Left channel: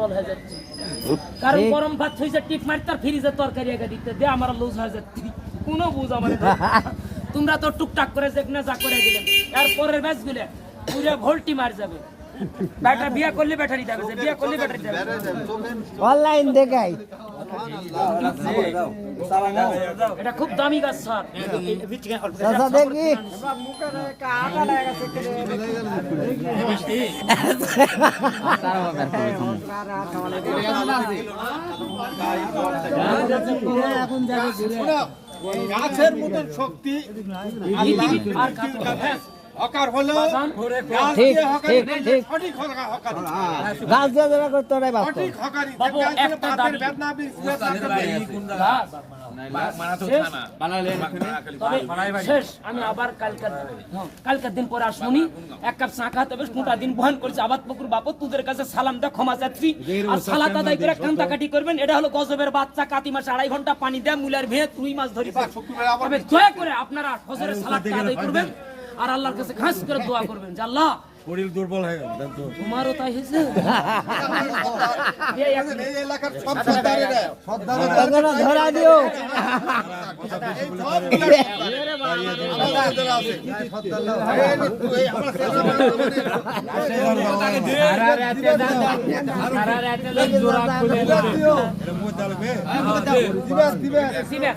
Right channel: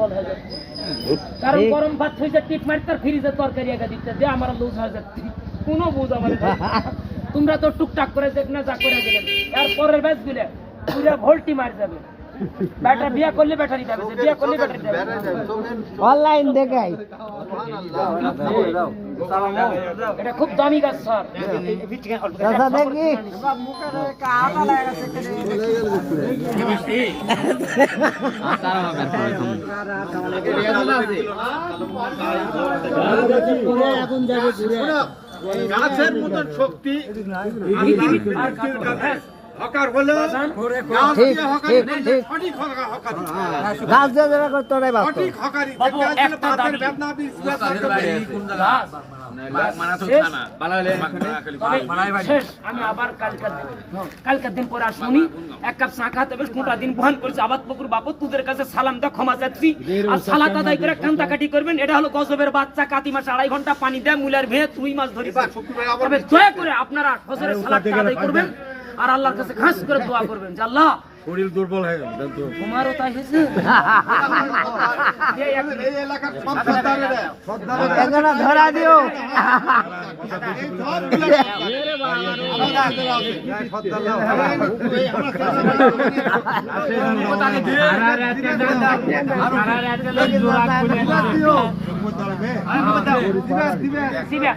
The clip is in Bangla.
দুর্বল হয়ে যাচ্ছে। কারণ গরম ভাত হয়েছে টিপ মারি তার ফ্রিজের তরকারি একটা দিতে দে, আমার লুজ হয়ে যাচ্ছে। কোনো বুঝ আমার তোমরা তো টুকটাক করে যেখানে যা করে গেলেন, এর পরের ব্যাচ গুলে পুরো ভোল্টি মার যাবে। ব্যাটারি বিয়ে করলে ব্যাটারি যাবে, বিয়ে করলে ব্যাটারি যাবে। অনলাইন দেখাই এটা খুব দামি গাছ স্যার। দেখি গাছের মতন শক্তি হকার হলো ঠিক ঠিক ঠিক সঠিক হকার গাছ দিয়ে যেটা করতে ওটাই বাস্তব সঠিক হকারি বাবু একটা দাবি শেষ। আমি আবার কালকের দিন পরে আসুনি, এক কাপ চা খাতে বেশ মোটা দিন বহন করছি। আবাদ পুকুর বাপু তোদের কাছে সালাম দা ক্ষমা চাচ্ছি। আর সালাত আদায় করে কান্দাকাটি করবেন। এটা হলো গজবের বাচ্চা, কাতি মাস 2.5 ঘন্টা পানি দেয়, মুলার ভেয়ে 2 মাস ধরে। তবে দয়া করে আপনারা ফজরের সালাতটা আদায় করবেন আর আল্লাহর কাছে খাস করে দোয়া করবেন যে আল্লাহ শরীর দুর্বল হয়ে গেল তোমারও তাই হয়েছে। এই এলাকার সব সর্দারেরা এখানে ধরা দিও দিবে